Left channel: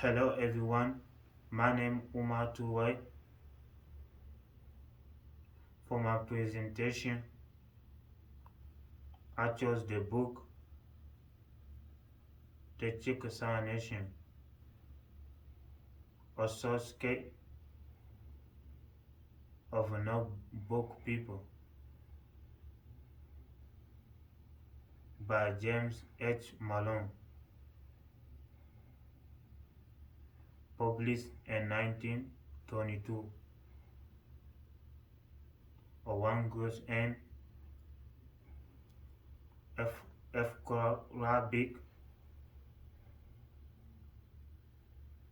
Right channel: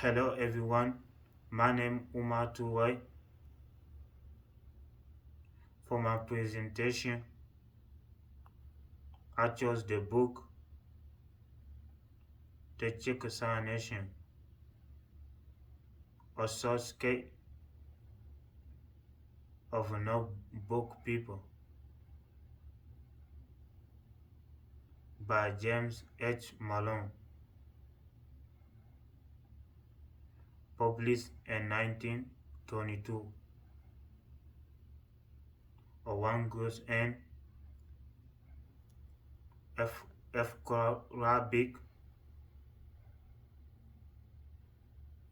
Hello everyone, my name is Umar Touray. For my presentation, I chose the book The Chickasaw Nation, a sourcescape of a no-book people by James H. Malone, published in 1922. A one goes in F. Rabic,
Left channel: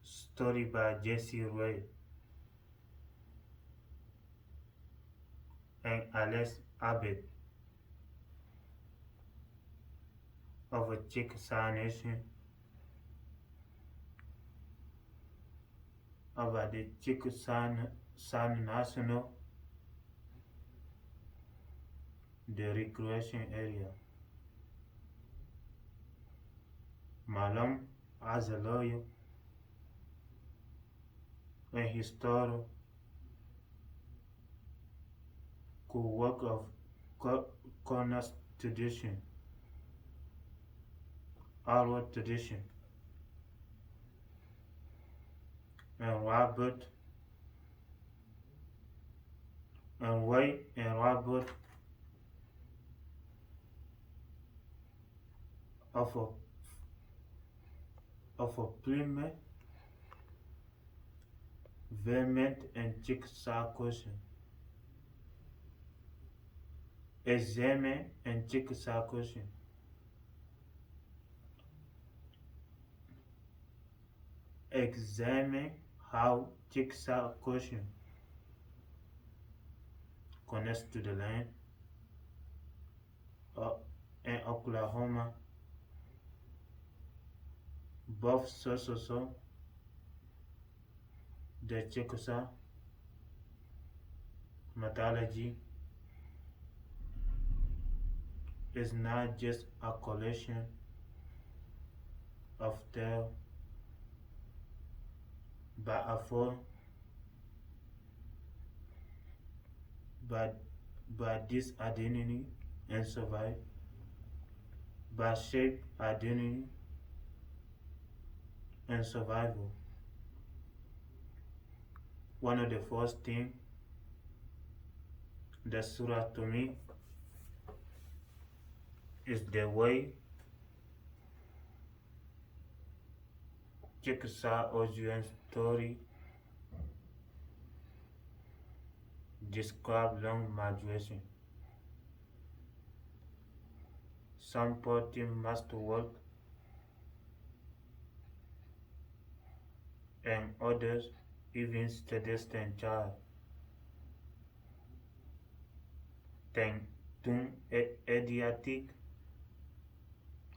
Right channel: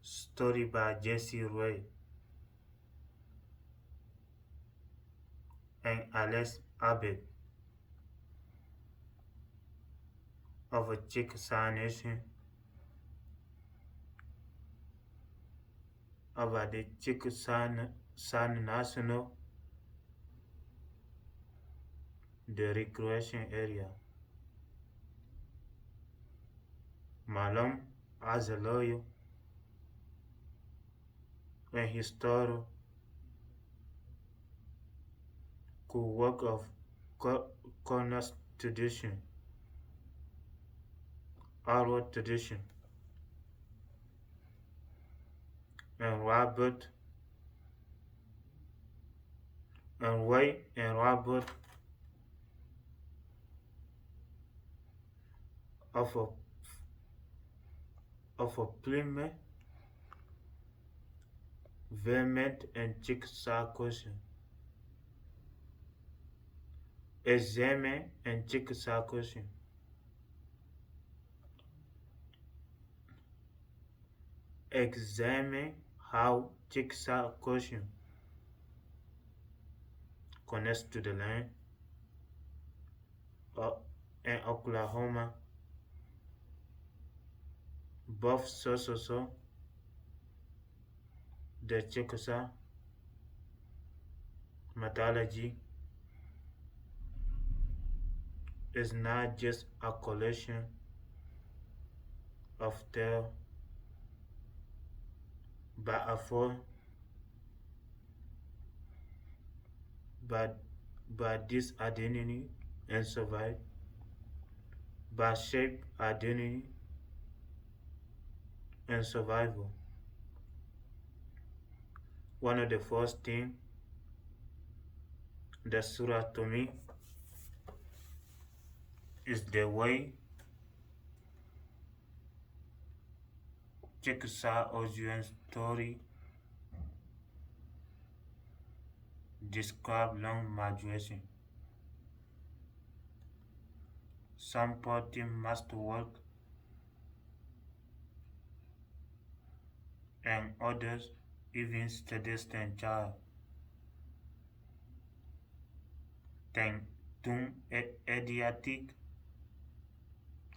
story by Jesse Ray and Alex Abbott of a Chickasaw Nation about the Chickasaw National, the recreation area. Malone, as a lawyer and historian, could work of Corners tradition, oral tradition, and Robert of a Plymouth, Vermont, and Chickasaw question. Examine and Chickasaw question. Examine how Chickasaw question connects to the land in Oklahoma, both so the Chickasaw mythology is not just a collection of tales, but a form, but this identity and survive, but shape identity and survival. One of the first things that stood out to me is the way Chickasaw origin story describe long migration. Some party must work and others even clandestine child. Then Adriatic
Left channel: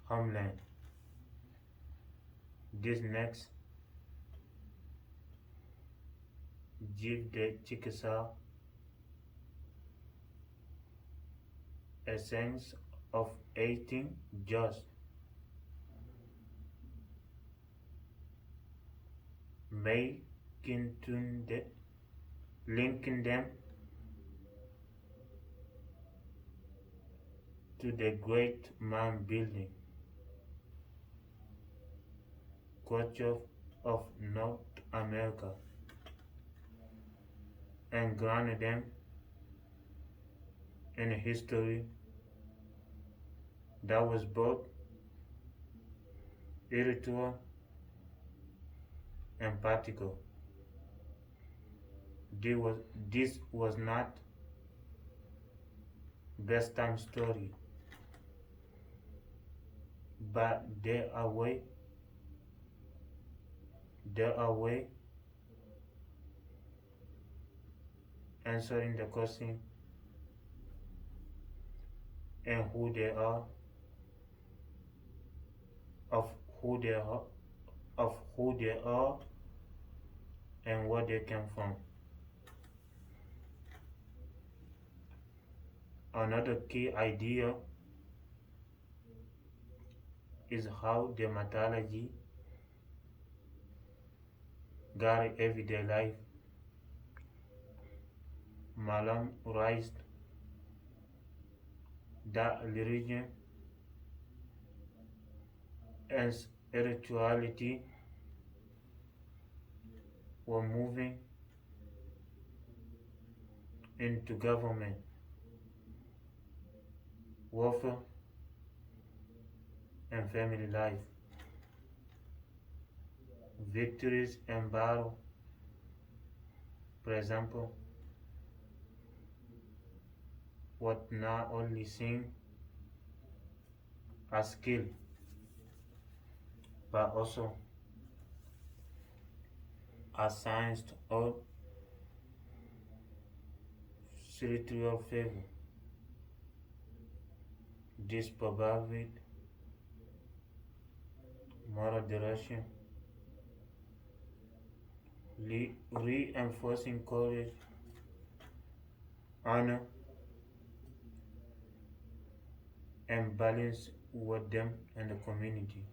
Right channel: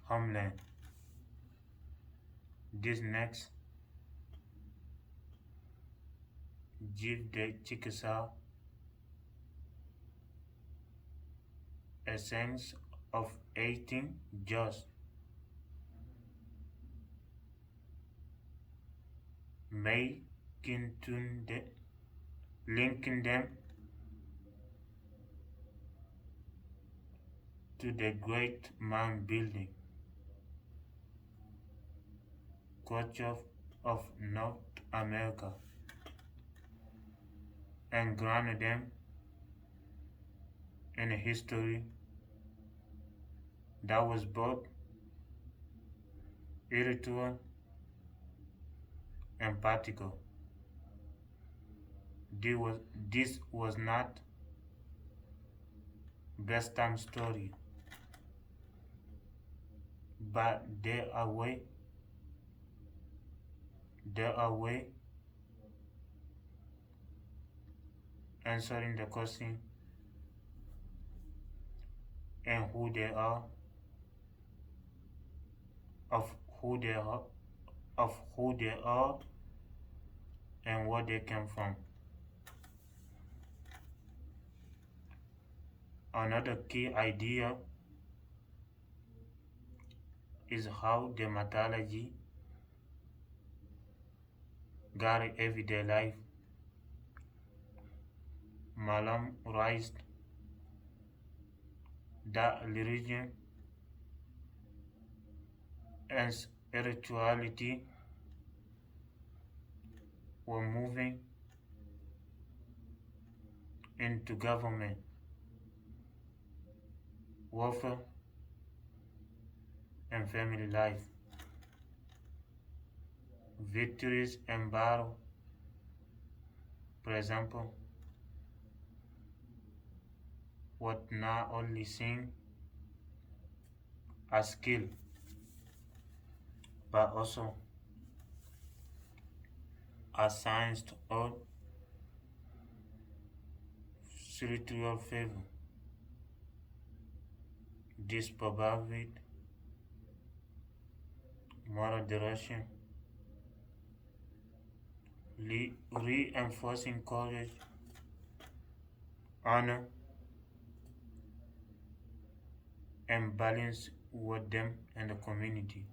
homeland. This next give the Chickasaw a sense of eating just making linking them to the great mound building culture of North America and grounded them in a history that was both spiritual and practical. This was not best time story, but there are way answering the question and who they are, of who they are, and where they came from. Another key idea is how the mythology guide everyday life. Malone raised that religion and spirituality were moving into government, warfare, and family life. Victories in battle, for example, were not only seen as skill, but also as signs of spiritual favor. This provided moral direction, reinforcing courage, honor, and balance with them and the community.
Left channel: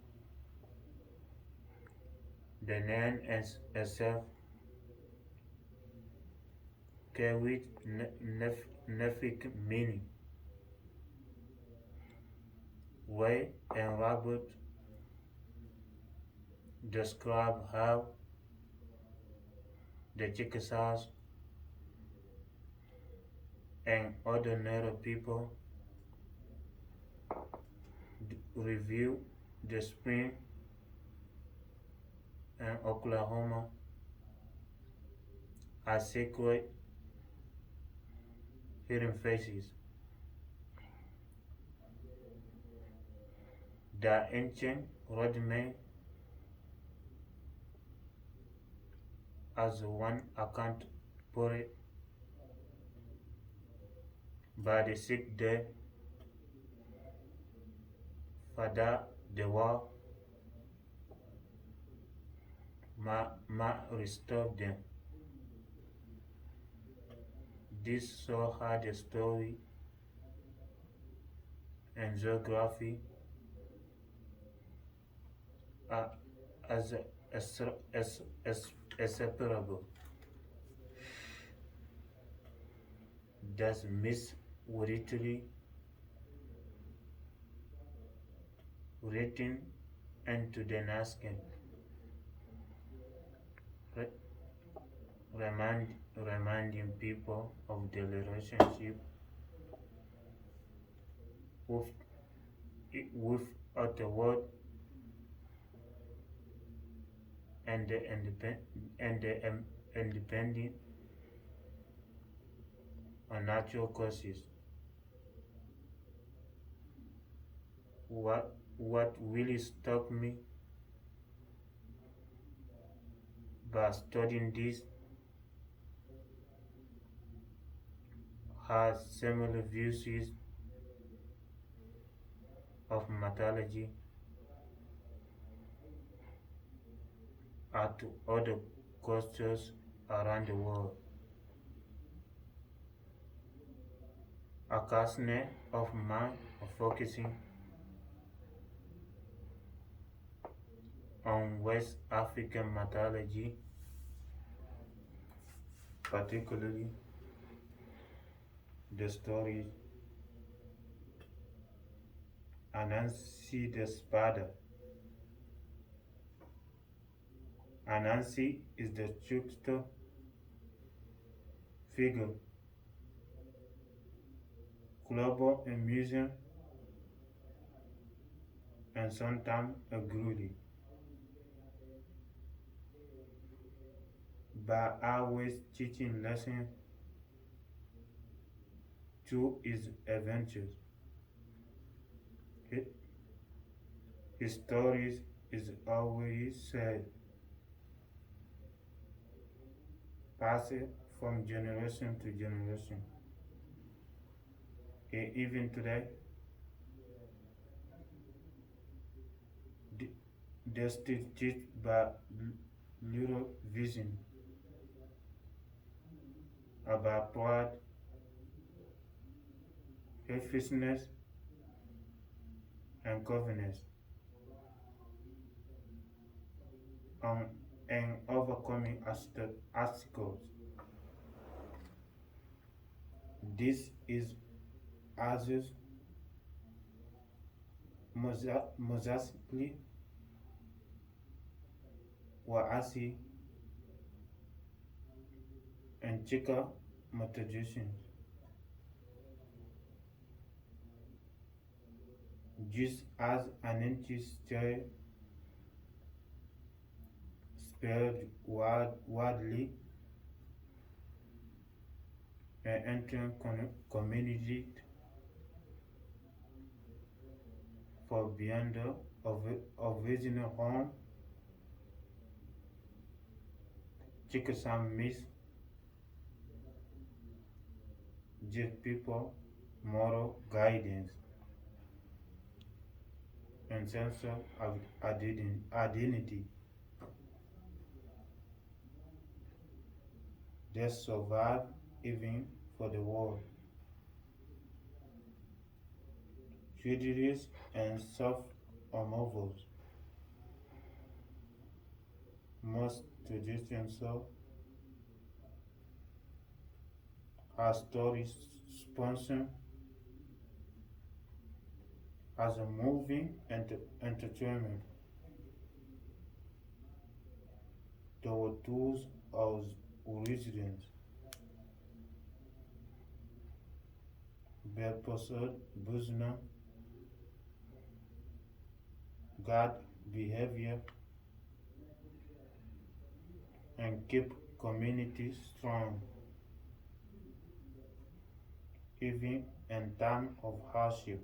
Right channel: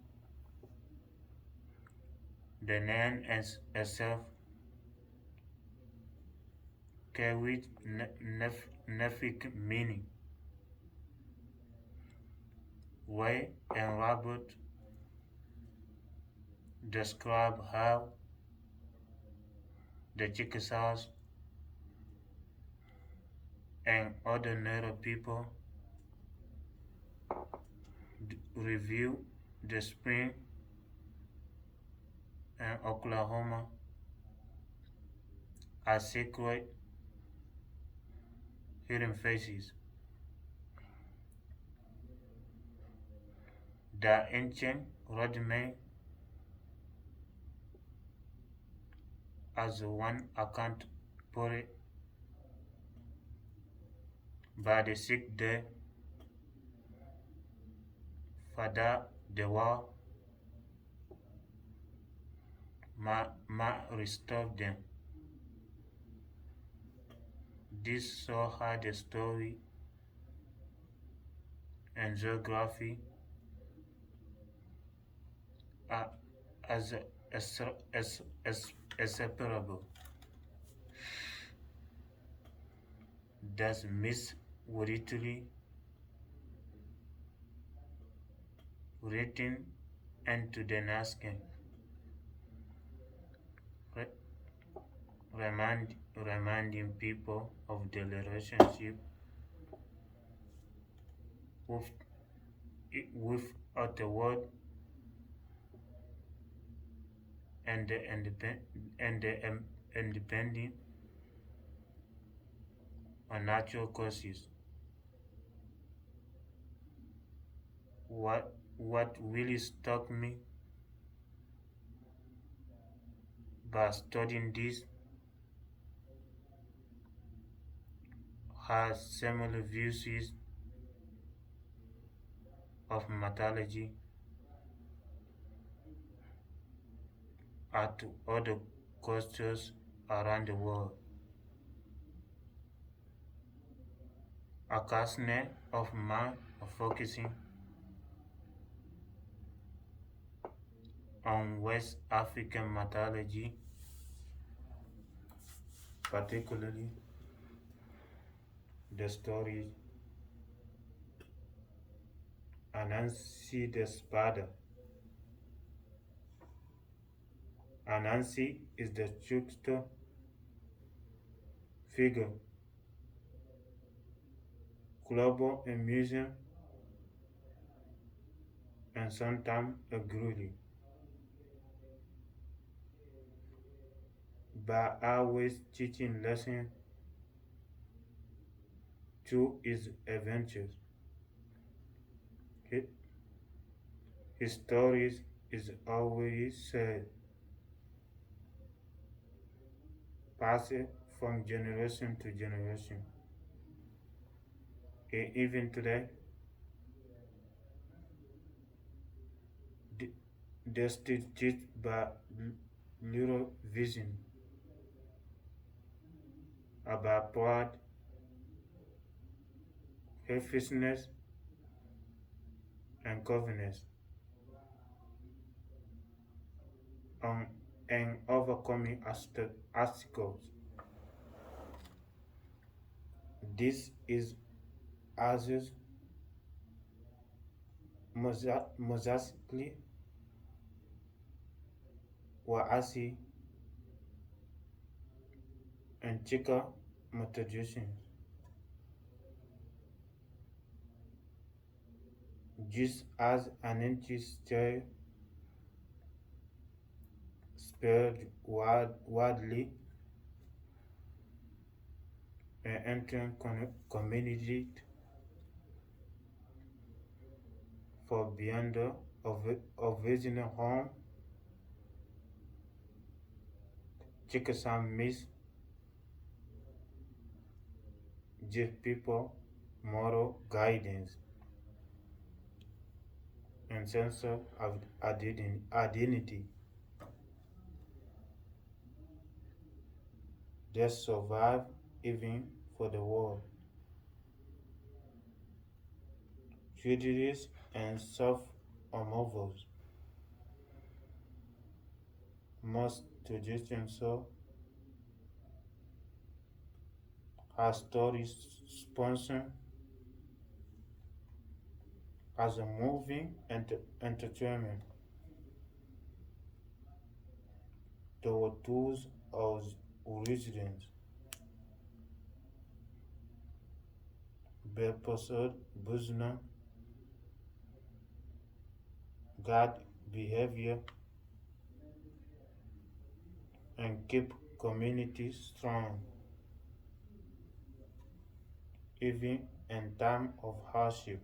The name itself carried nephic meaning, Way and Robert describe how the Chickasaws and other Native people review the spring in Oklahoma as sacred hidden faces. The ancient rudiment, as one account put it, by the sixth day, Father Dewa ma restore them. This saw how the story and geography are as inseparable. Thus, Miss Wirituli written into the Naskin, reminding people of the relationship with, with the world and the independent on natural causes. What really struck me by studying this has similar views of mythology are to other cultures around the world. A classmate of mine are focusing on West African mythology, particularly the stories Anansi the Spada. Anansi is the trickster figure, global in museum, and sometimes a gruely, but always teaching lessons through his adventures. His, his stories is always said, passed from generation to generation. And even today, they still teach by little vision about pride, faithfulness, and covenants. On, and overcoming obstacles. This is Azus Mozasli Waasi and Chika Motojusin. Just as an entity spread widely and entering community for beyond of original home, Chickasaw Miss give people moral guidance and sense of identity. They survive even for the world. Tragedies and soft removals. Most traditions are stories sponsored as a movie and entertainment. There were tools of residents, Belposod, Buzna, guard behavior, and keep communities strong, even in time of hardship.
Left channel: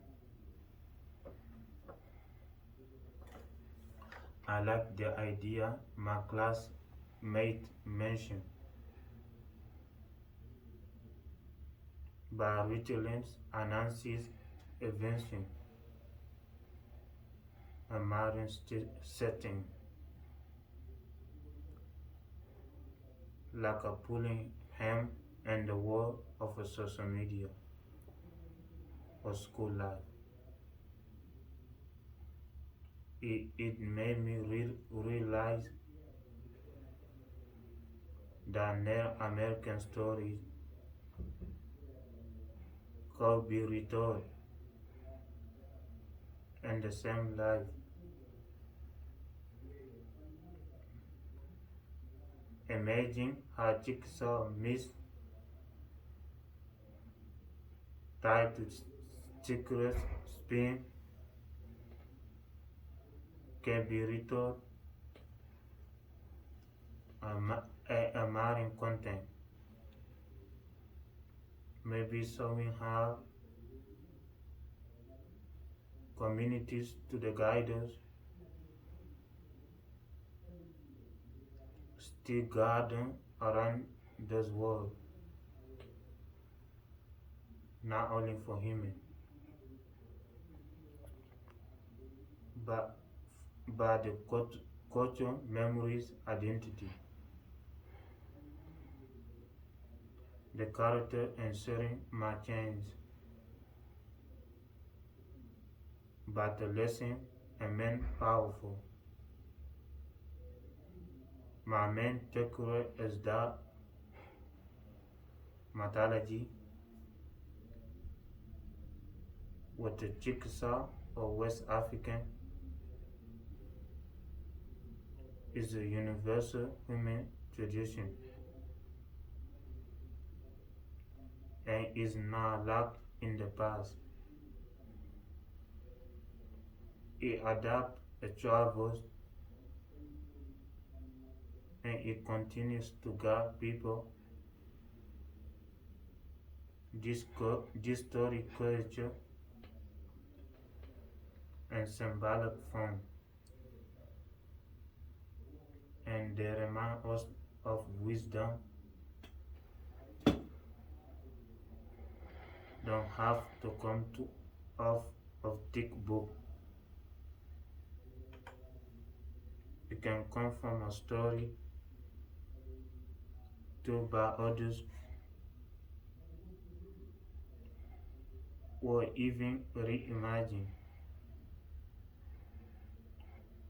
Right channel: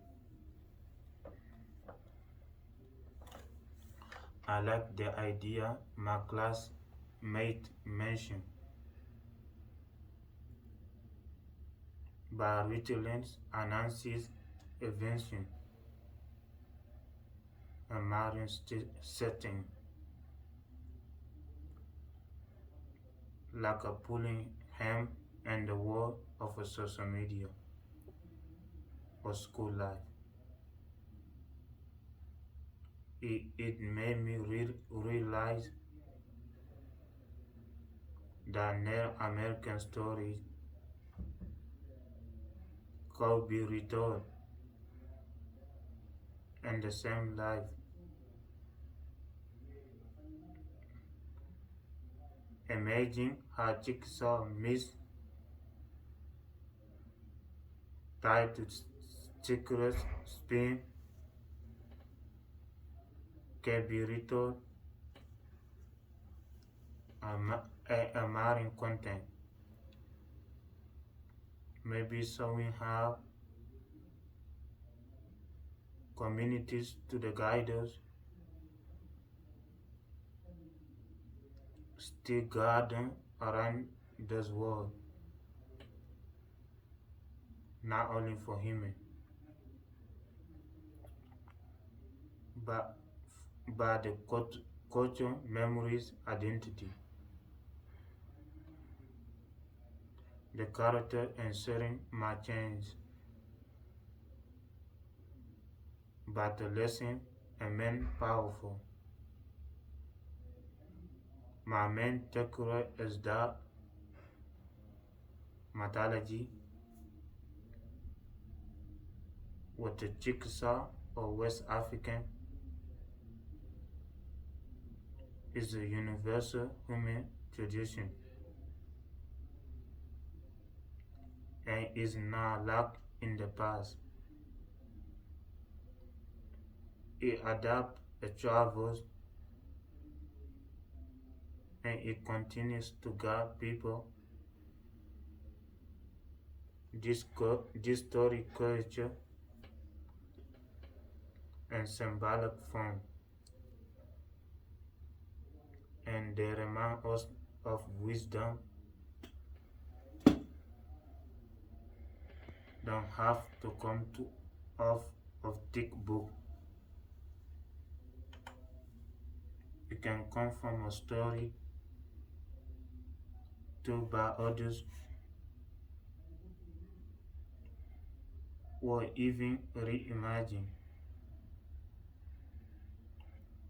I like the idea my classmate mentioned by resilience announces invention a modern setting, like a pulling him in the world of a social media or school life. It made me realize that Native American stories could be retold in the same life. Imagine how Chickasaw Miss tied to Chickasaw spin can be retold a marine content. Maybe showing how communities to the guiders still garden around this world, not only for human, but the culture, memories, identity. The character and setting might change, but the lesson remain powerful. My main takeaway is that mythology, whether Chickasaw or West African, is a universal human tradition and is not locked in the past. It adapts, it travels, and it continues to guide people. This story, culture, and symbolic form, and they remind us of wisdom. Don't have to come to off of thick book. It can come from a story told by others or even reimagined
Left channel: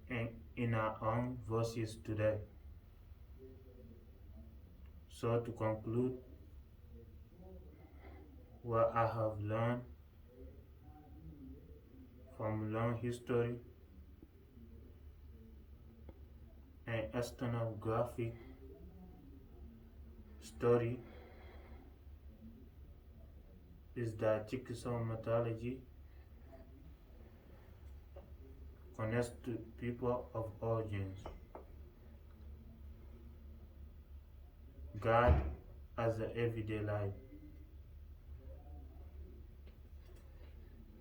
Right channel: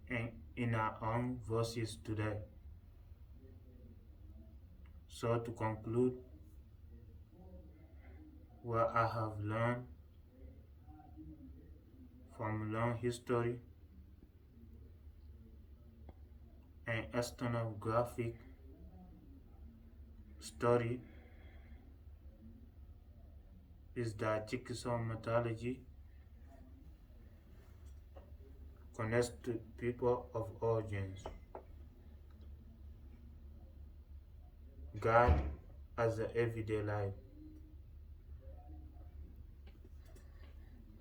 and in our own voices today. So to conclude, what I have learned from long history and ethnographic story is that Chickasaw mythology connects to people of origins, God as the everyday life,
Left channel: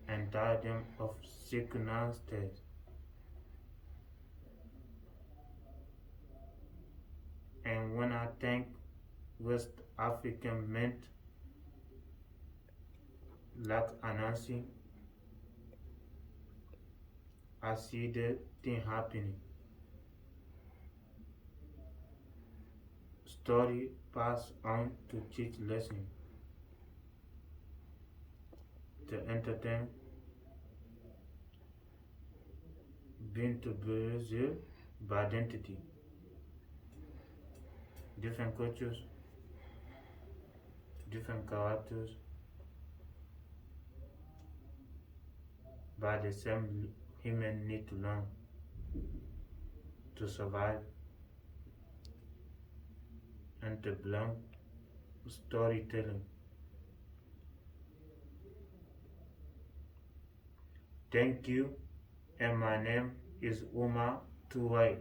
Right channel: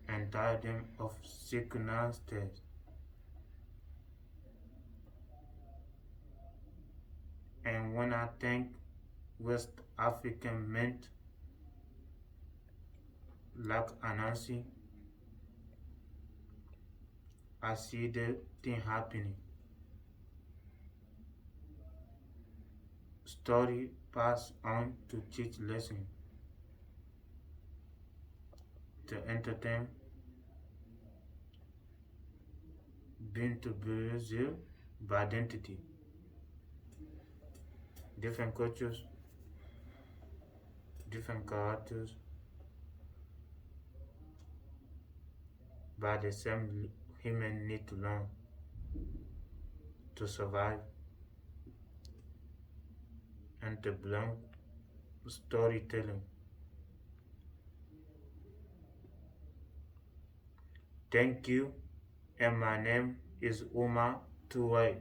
and diadem of circumstances. And when I think West African meant like Anansi, I see the thing happening. Story passed on to teach lesson, to entertain, being to Brazil by identity. Different cultures, different characters, but the same human need to learn to survive and to belong storytelling. Thank you, and my name is Uma Tuwai.